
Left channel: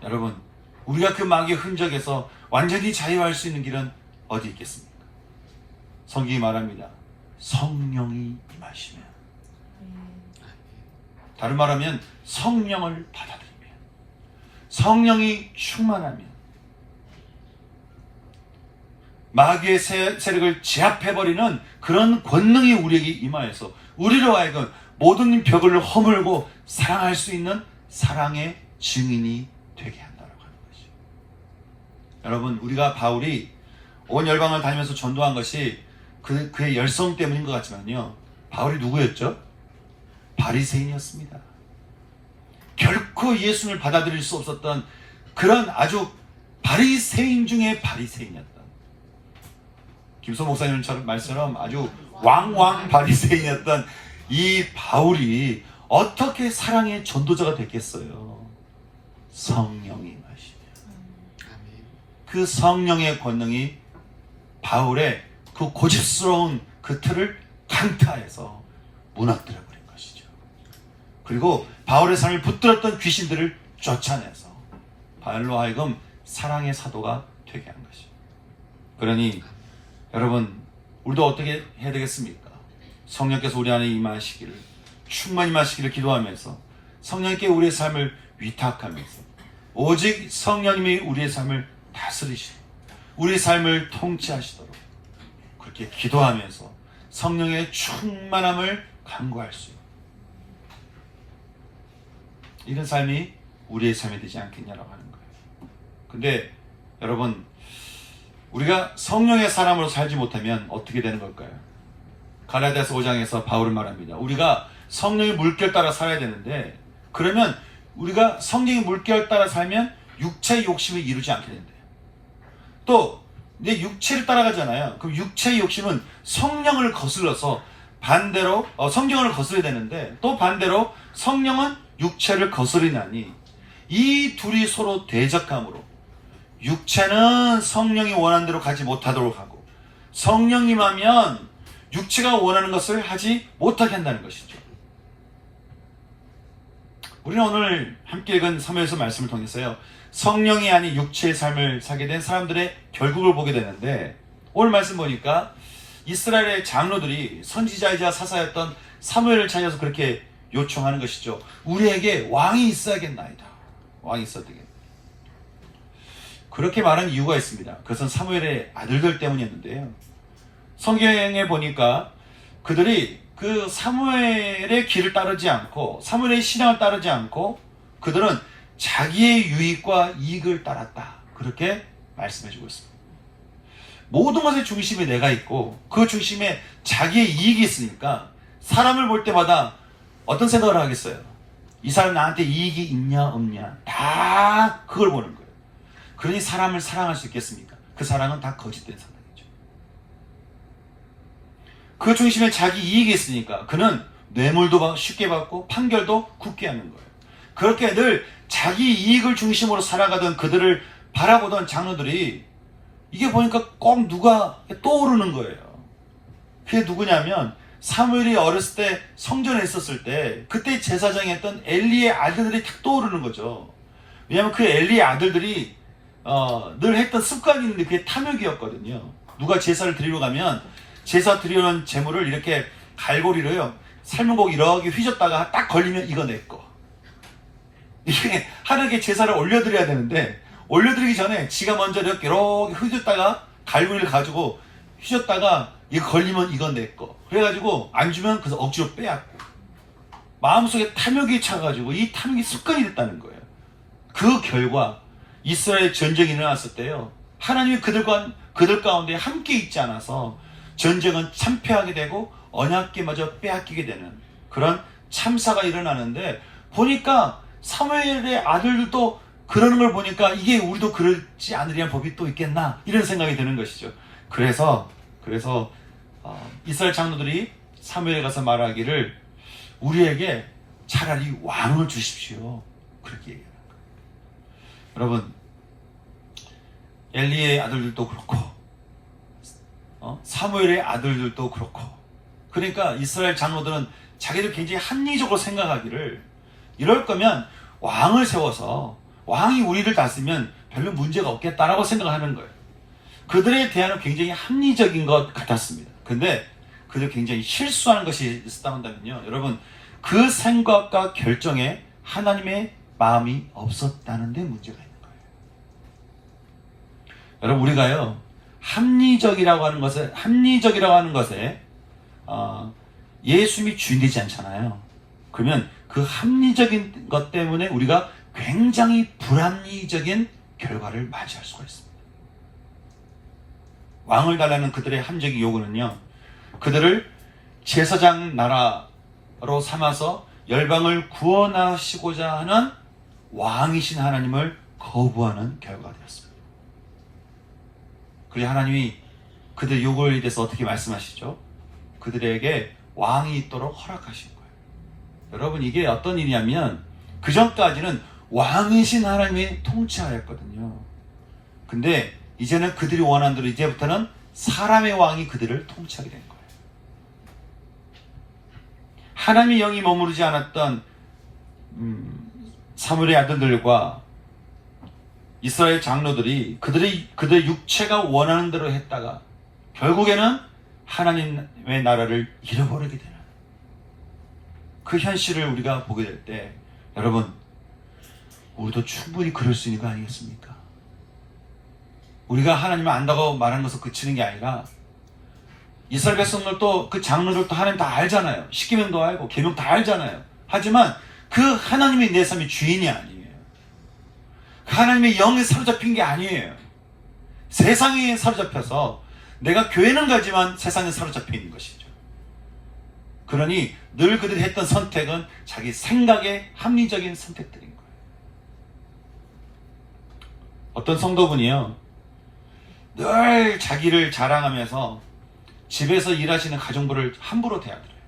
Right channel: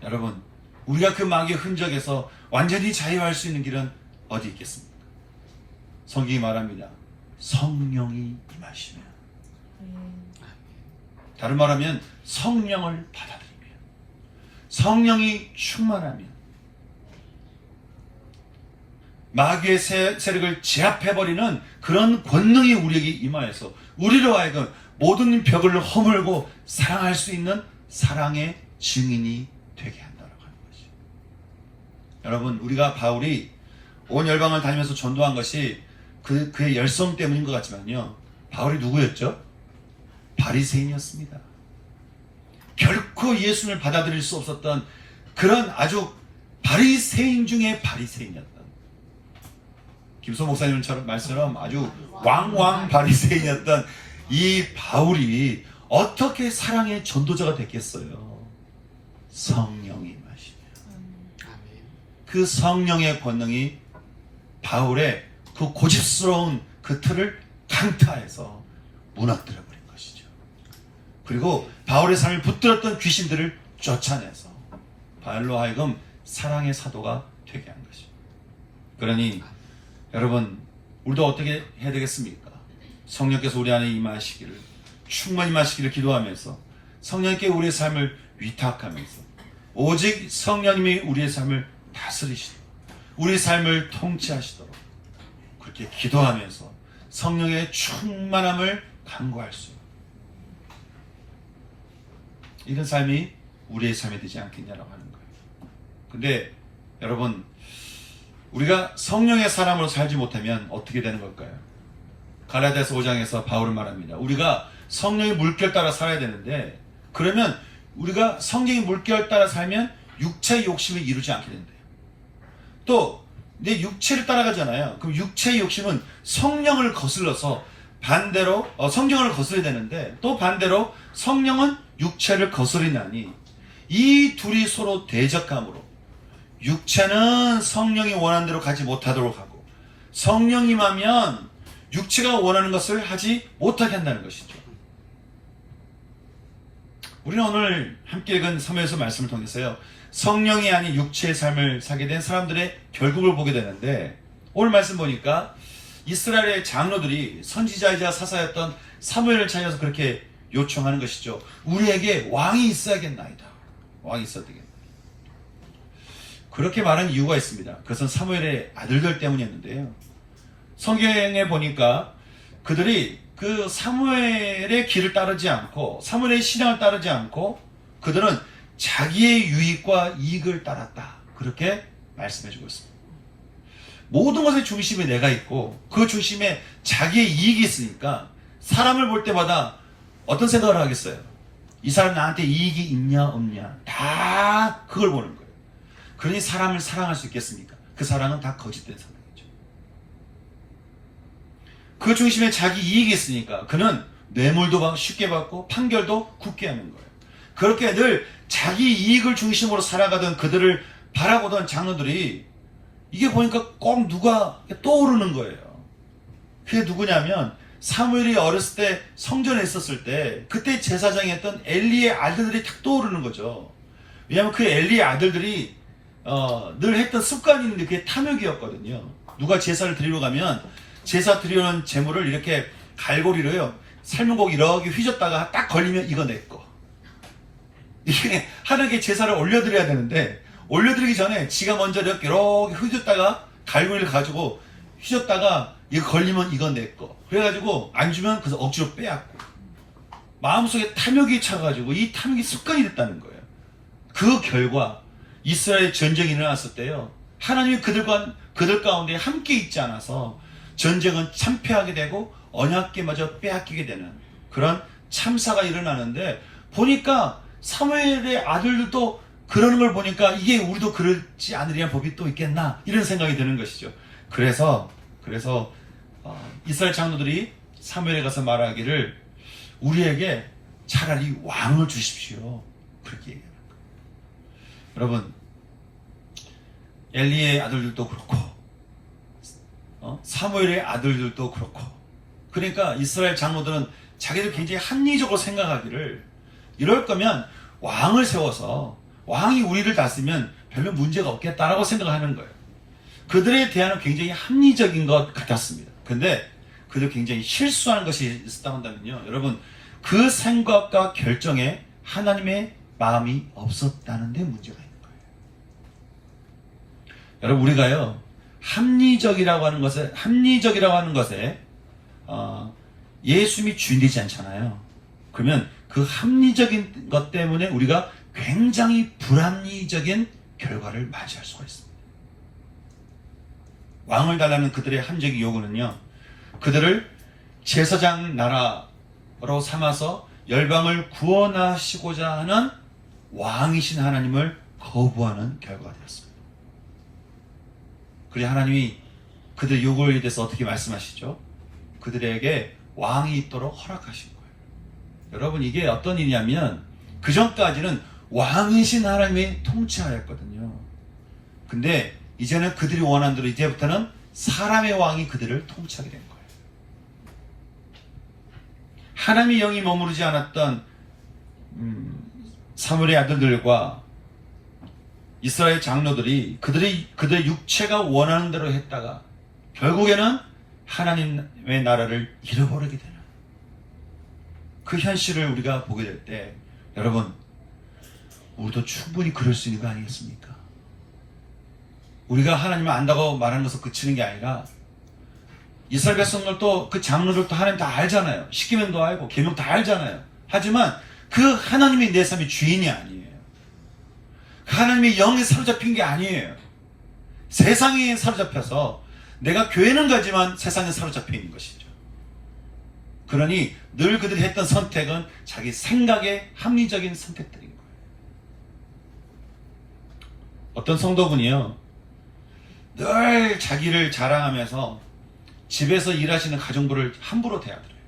여러분, 우리가 그 마귀의 흔적에서 완전히 자유할 수 있는 길은 어디 있겠습니까? 성경이 말합니다. 성령이 임하시면, 다른 말하면 성령을 받아들이면, 성령이 충만하면 마귀의 세력을 제압해버리는 그런 권능이 우리에게 임하여서 우리로 하여금 모든 벽을 허물고 사랑할 수 있는 사랑의 증인이 되게 한다고 하는 것이죠. 여러분, 우리가 바울이 온 열방을 다니면서 전도한 것이 그의 열성 때문인 것 같지만요, 바울이 누구였죠? 바리새인이었습니다. 결코 예수님을 받아들일 수 없었던 그런 아주 바리새인 중에 바리새인이었던, 김소 목사님처럼 말씀처럼 아주 왕 바리새인이었던 이 바울이 어떻게 사랑의 전도자가 됐겠어요? 성령이 임하시면 그 성령의 권능이 바울의 그 고집스러운 그 틀을 강타해서 무너뜨려 버린 것이죠. 그리고 바울의 삶을 붙들었던 귀신들을 쫓아내서 바울로 하여금 사랑의 사도가 되게 한 것이죠. 그러니 여러분, 우리도 어떻게 해야 되겠습니까? 성령께서 우리 안에 임하시기를, 충만히 임하시기를 기도하면서 성령께 우리의 삶을 위탁하면서 오직 성령님이 우리의 삶을 다스리시도록, 우리의 삶을 통치하시도록 그렇게 기도하면서 성령의 충만함을 간구할 수 있는 이런 삶이 우리의 삶이 되지 않겠냐라고 하는 거예요. 근데 여러분, 우리가 성령의 사람으로 살지 못하면 어떻게 되는 걸까요? 갈라디아서 5장에서 바울은 말합니다. 우리가 성령의 물결 따라 살아야 되는데, 그러면 우리가 성령의 물결 따라 살면 육체의 욕심을 이루지 않게 된대요. 또 이제 육체를 따라가잖아요. 그럼 육체의 욕심은 성령을 거슬러서 반대로 성경을 거슬러야 되는데, 또 반대로 성령은 육체를 거스르나니 이 둘이 서로 대적함으로 육체는 성령이 원하는 대로 가지 못하도록 하고, 성령님 하면 육체가 원하는 것을 하지 못하게 한다는 것이죠. 우리는 오늘 함께 읽은 사무엘서 말씀을 통해서요, 성령이 아닌 육체의 삶을 살게 된 사람들의 결국을 보게 되는데, 오늘 말씀 보니까 이스라엘의 장로들이 선지자이자 사사였던 사무엘을 찾아서 그렇게 요청하는 것이죠. 우리에게 왕이 있어야겠나이다. 왕이 있어야 되겠다. 그렇게 말한 이유가 있습니다. 그것은 사무엘의 아들들 때문이었는데요. 성경에 보니까 그들이 그 사무엘의 길을 따르지 않고, 사무엘의 신앙을 따르지 않고, 그들은 자기의 유익과 이익을 따랐다. 그렇게 말씀해주고 있습니다. 모든 것의 중심에 내가 있고 그 중심에 자기의 이익이 있으니까 사람을 볼 때마다 어떤 생각을 하겠어요? 이 사람 나한테 이익이 있냐 없냐 다 그걸 보는 거예요. 그러니 사람을 사랑할 수 있겠습니까? 그 사랑은 다 거짓된 사랑이죠. 그 중심에 자기 이익이 있으니까 그는 뇌물도 쉽게 받고 판결도 굳게 하는 거예요. 그렇게 늘 자기 이익을 중심으로 살아가던 그들을 바라보던 장로들이 이게 보니까 꼭 누가 떠오르는 거예요. 그게 누구냐면 사무엘이 어렸을 때 성전에 있었을 때 그때 제사장이 했던 엘리의 아들들이 탁 떠오르는 거죠. 왜냐하면 그 엘리의 아들들이 늘 했던 습관이 있는데 그게 탐욕이었거든요. 누가 제사를 드리러 가면 제사 드리는 제물을 이렇게 갈고리로요 삶은 고기 이렇게 휘젓다가 딱 걸리면 이거 내 거. 이게 하나님께 제사를 올려드려야 되는데 올려드리기 전에 지가 먼저 이렇게 휘젓다가 갈고리를 가지고 휘젓다가 이거 걸리면 이건 내 거. 그래가지고 안 주면 그래서 억지로 빼앗고 마음속에 탐욕이 차가지고 이 탐욕이 습관이 됐다는 거예요. 그 결과 이스라엘 전쟁이 일어났을 때요 하나님이 그들 가운데 함께 있지 않아서 전쟁은 참패하게 되고 언약궤마저 빼앗기게 되는 그런 참사가 일어나는데 보니까 사무엘의 아들들도 그러는 걸 보니까 이게 우리도 그러지 않으려는 법이 또 있겠나 이런 생각이 드는 것이죠. 그래서 이스라엘 장로들이 사무엘에 가서 말하기를 우리에게 차라리 왕을 주십시오. 그렇게 얘기하는 거예요. 여러분 엘리의 아들들도 그렇고 사무엘의 아들들도 그렇고 그러니까 이스라엘 장로들은 자기들 굉장히 합리적으로 생각하기를 이럴 거면 왕을 세워서 왕이 우리를 다스리면 별로 문제가 없겠다라고 생각하는 거예요. 그들에 대한 굉장히 합리적인 것 같았습니다. 근데 그들 굉장히 실수하는 것이 있었다 한다면요. 여러분 그 생각과 결정에 하나님의 마음이 없었다는 데 문제가 있는 거예요. 여러분 우리가요 합리적이라고 하는 것에 예수님이 주인되지 않잖아요. 그러면 그 합리적인 것 때문에 우리가 굉장히 불합리적인 결과를 맞이할 수가 있습니다. 왕을 달라는 그들의 합리적인 요구는요 그들을 제사장 나라로 삼아서 열방을 구원하시고자 하는 왕이신 하나님을 거부하는 결과가 되었습니다. 그리고 하나님이 그들 요구에 대해서 어떻게 말씀하시죠? 그들에게 왕이 있도록 허락하신 거예요. 여러분 이게 어떤 일이냐면 그 전까지는 왕이신 하나님이 통치하였거든요. 근데 이제는 그들이 원한 대로 이제부터는 사람의 왕이 그들을 통치하게 된 거예요. 하나님의 영이 머무르지 않았던 사무엘의 아들들과 이스라엘 장로들이 그들의 육체가 원하는 대로 했다가 결국에는 하나님의 나라를 잃어버리게 되는 그 현실을 우리가 보게 될 때 여러분 우리도 충분히 그럴 수 있는 거 아니겠습니까? 우리가 하나님을 안다고 말하는 것을 그치는 게 아니라 이스라엘 백성들도 그 장로들도 하나님 다 알잖아요. 십계명도 알고 계명 다 알잖아요. 하지만 그 하나님이 내 삶의 주인이 아니에요. 그 하나님의 영에 사로잡힌 게 아니에요. 세상에 사로잡혀서 내가 교회는 가지만 세상에 사로잡혀 있는 것이죠. 그러니 늘 그들이 했던 선택은 자기 생각의 합리적인 선택들인 거예요. 어떤 성도분이요 늘 자기를 자랑하면서 집에서 일하시는 가정부를 함부로 대하더래요.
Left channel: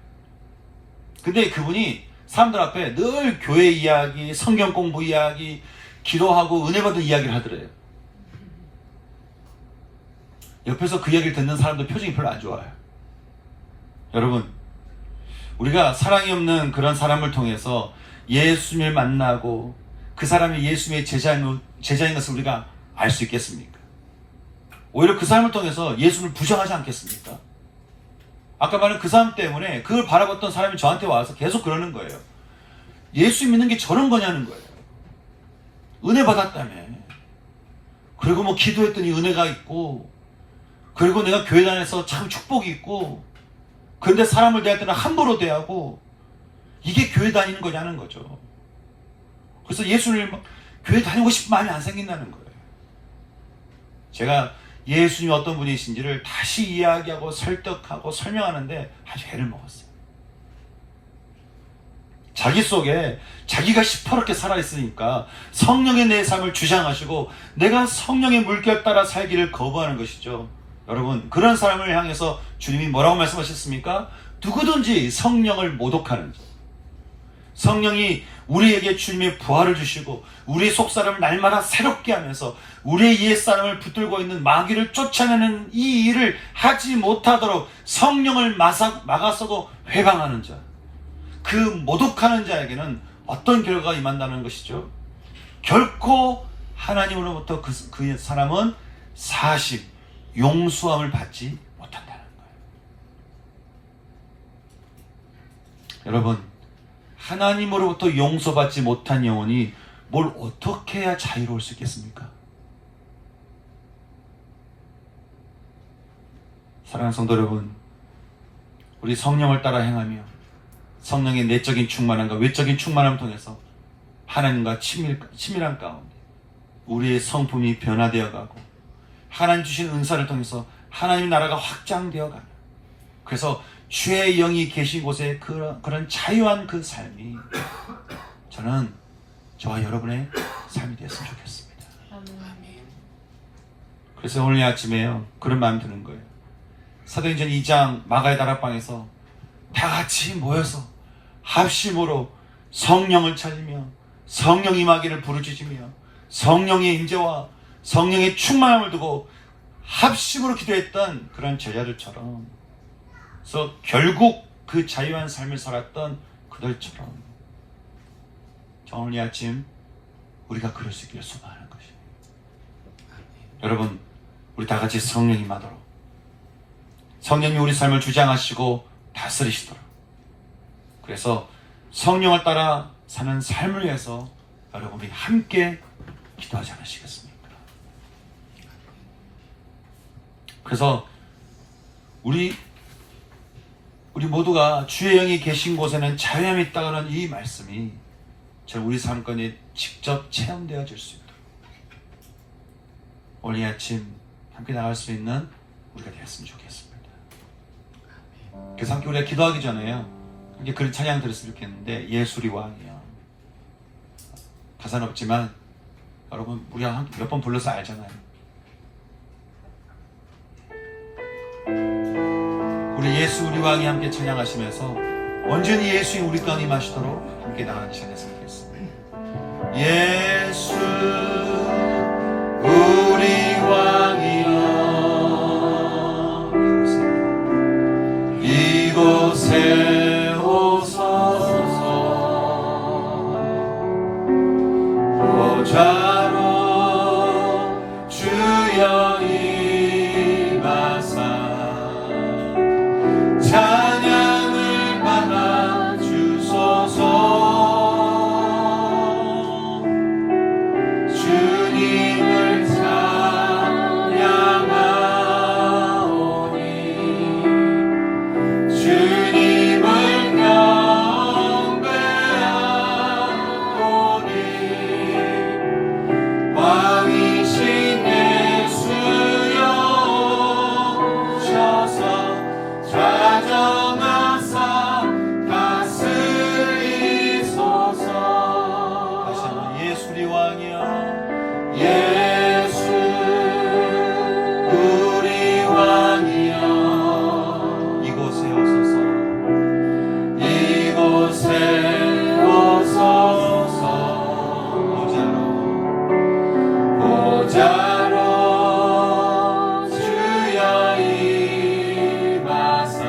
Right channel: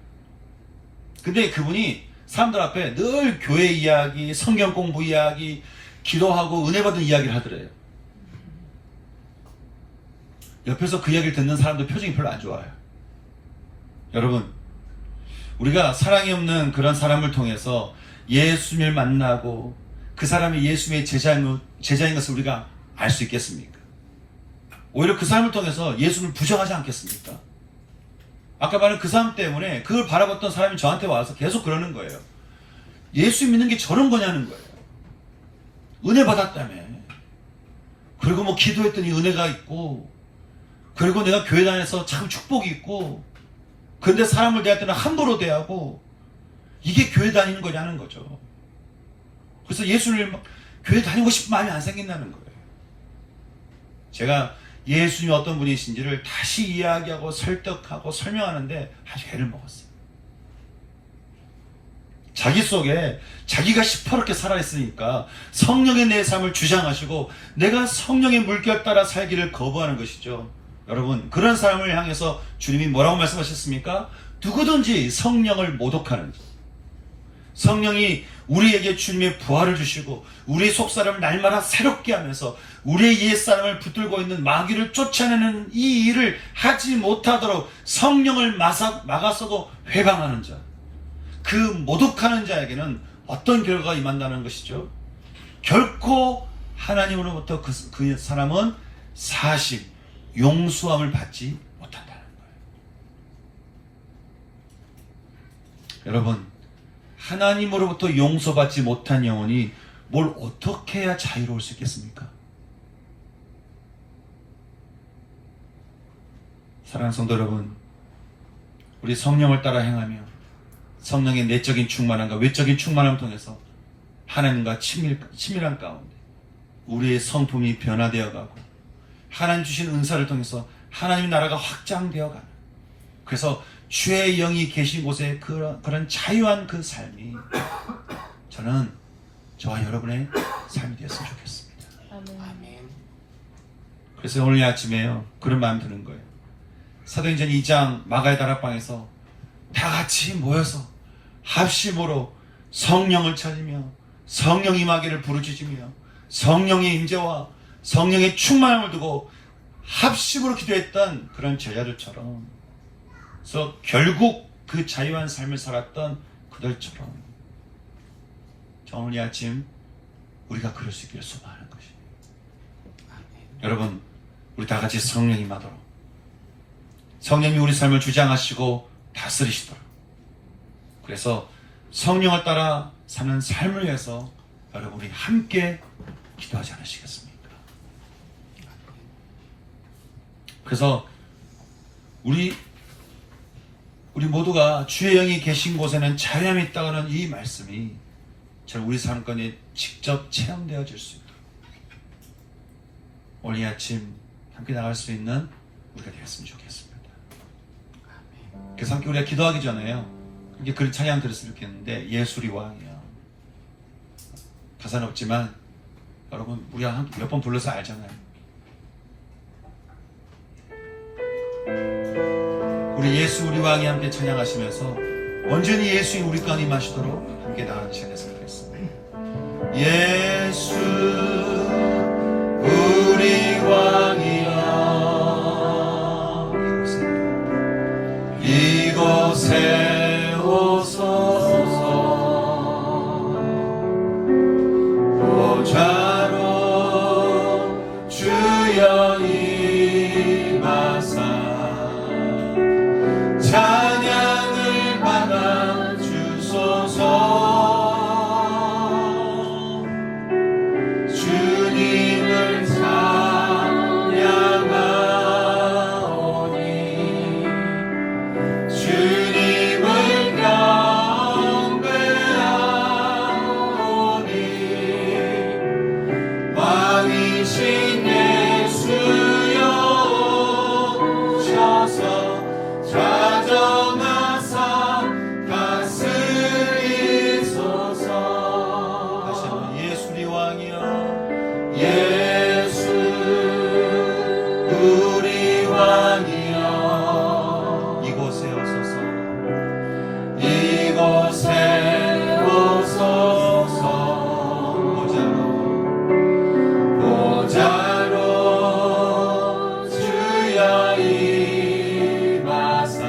근데 그분이 사람들 앞에 늘 교회 이야기, 성경 공부 이야기, 기도하고 은혜 받은 이야기를 하더래요. 옆에서 그 이야기를 듣는 사람들 표정이 별로 안 좋아요. 여러분 우리가 사랑이 없는 그런 사람을 통해서 예수님을 만나고 그 사람이 예수님의 제자인 것을 우리가 알 수 있겠습니까? 오히려 그 사람을 통해서 예수님을 부정하지 않겠습니까? 아까 말한 그 사람 때문에 그걸 바라봤던 사람이 저한테 와서 계속 그러는 거예요. 예수 믿는 게 저런 거냐는 거예요. 은혜 받았다며. 그리고 뭐 기도했더니 은혜가 있고 그리고 내가 교회 다녀서 참 축복이 있고 그런데 사람을 대할 때는 함부로 대하고 이게 교회 다니는 거냐는 거죠. 그래서 예수님을 교회 다니고 싶은 마음이 안 생긴다는 거예요. 제가 예수님이 어떤 분이신지를 다시 이야기하고 설득하고 설명하는데 아주 애를 먹었어요. 자기 속에 자기가 시퍼렇게 살아있으니까 성령의 내 삶을 주장하시고 내가 성령의 물결 따라 살기를 거부하는 것이죠. 여러분, 그런 사람을 향해서 주님이 뭐라고 말씀하셨습니까? 누구든지 성령을 모독하는 자, 성령이 우리에게 주님의 부활을 주시고 우리의 속사람을 날마다 새롭게 하면서 우리의 옛사람을 붙들고 있는 마귀를 쫓아내는 이 일을 하지 못하도록 성령을 막아서도 회방하는 자, 그 모독하는 자에게는 어떤 결과가 임한다는 것이죠? 결코 하나님으로부터 그 사람은 사식, 용서함을 받지 못한다는 거예요. 여러분, 하나님으로부터 용서받지 못한 영혼이 뭘 어떻게 해야 자유로울 수 있겠습니까? 사랑하는 성도 여러분, 우리 성령을 따라 행하며 성령의 내적인 충만함과 외적인 충만함을 통해서 하나님과 친밀한 가운데 우리의 성품이 변화되어 가고 하나님 주신 은사를 통해서 하나님 나라가 확장되어 가는, 그래서 주의 영이 계신 곳에 그런 자유한 그 삶이 저는 저와 여러분의 삶이 되었으면 좋겠습니다. 아멘. 그래서 오늘 아침에요, 그런 마음이 드는 거예요. 사도행전 2장 마가의 다락방에서 다 같이 모여서 합심으로 성령을 찾으며 성령 임하기를 부르짖으며 성령의 임재와 성령의 충만함을 두고 합심으로 기도했던 그런 제자들처럼, 그래서 결국 그 자유한 삶을 살았던 그들처럼 오늘 이 아침 우리가 그럴 수 있기를 소망하는 것입니다. 여러분, 우리 다 같이 성령 임하도록, 성령이 우리 삶을 주장하시고 다스리시도록, 그래서 성령을 따라 사는 삶을 위해서 여러분이 함께 기도하지 않으시겠습니까? 그래서 우리 모두가 주의 영이 계신 곳에는 자유함이 있다는 이 말씀이 우리 삶 가운데 직접 체험되어질 수 있도록 오늘 이 아침 함께 나갈 수 있는 우리가 되었으면 좋겠습니다. 그래서 함께 우리가 기도하기 전에요, 함께 그런 찬양 들었으면 좋겠는데, 예수리 왕이여. 가사는 없지만 여러분, 우리가 함께 몇 번 불러서 알잖아요. 우리 예수 우리 왕이 함께 찬양하시면서 온전히 예수의 우리 가운데 임하시도록 함께 나가기 시작했으면 좋겠습니다. 예수 우리 왕이여, 이곳에 오소서. 보좌로 주여 임하사 찬양을 받아 주소서. 주님을 찬양하오니 주님을 경배하오니 왕이신 예수여 오셔서 좌정하사 다스리소서. 다시 한번 예수 우리 왕이여, 예수 우리 왕이여, 이곳에 오소서. 이곳에 오소서. 보좌로 주여 임하사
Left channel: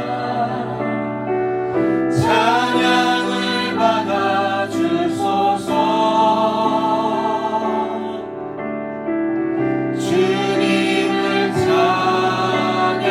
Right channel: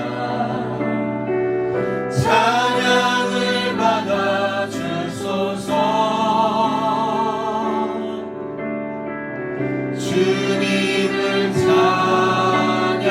찬양을 받아 주소서. 주님을 찬양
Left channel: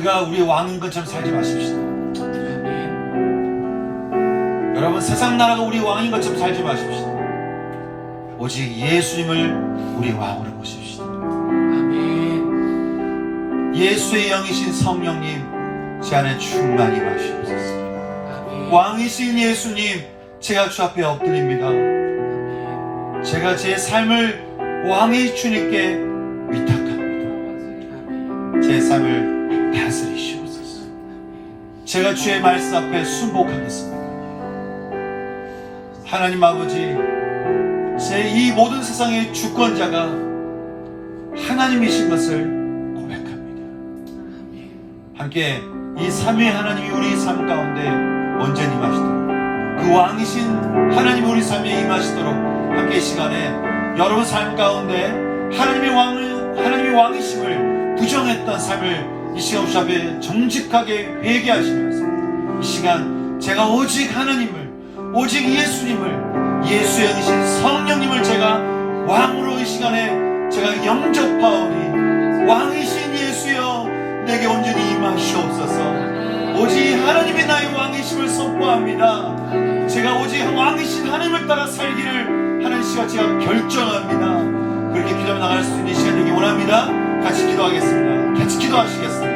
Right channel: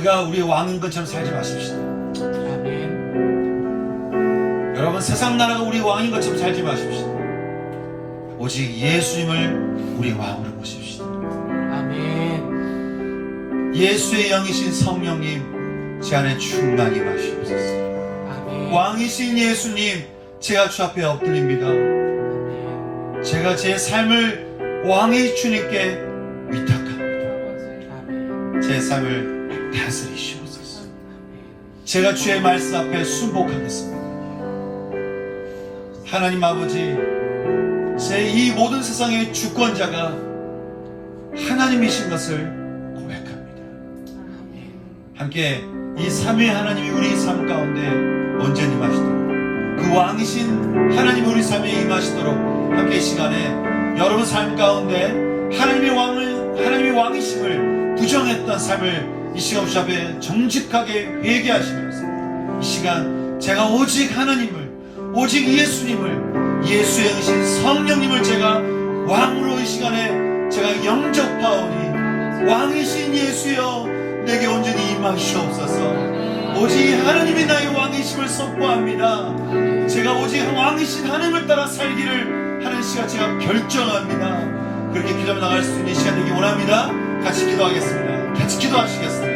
우리가 우리의 왕인 것처럼 살지 마십시다. 아멘. 여러분, 세상 나라가 우리 왕인 것처럼 살지 마십시다. 오직 예수님을 우리의 왕으로 모십시다. 아멘. 예수의 영이신 성령님, 제 안에 충만히 마시옵소서. 아멘. 왕이신 예수님, 제가 주 앞에 엎드립니다. 아멘. 제가 제 삶을 왕의 주님께 위탁합니다. 아멘. 제 삶을 다스리시옵소서. 제가 주의 말씀 앞에 순복하겠습니다. 하나님 아버지, 제 이 모든 세상의 주권자가 하나님이신 것을 고백합니다. 아멘. 함께 이 삼위 하나님이 우리 삶 가운데 온전히 임하시도록, 그 왕이신 하나님이 우리 삶에 임하시도록, 함께 이 시간에 여러분 삶 가운데 하나님의 왕이심을 부정했던 삶을 이 시간 주 앞에 정직하게 회개하시면서, 이 시간 제가 오직 하나님을, 오직 예수님을, 예수의 영이신 성령님을 제가 왕으로 이 시간에 제가 영접하오니, 왕이신 예수여 내게 온전히 임하시옵소서. 오직 하나님이 나의 왕이심을 선포합니다. 제가 오직 왕이신 하나님을 따라 살기를 하는 시간 제가 결정합니다. 그렇게 기도하며 나갈 수 있는 시간 되기 원합니다. 같이 기도하겠습니다. 같이 기도하시겠습니다.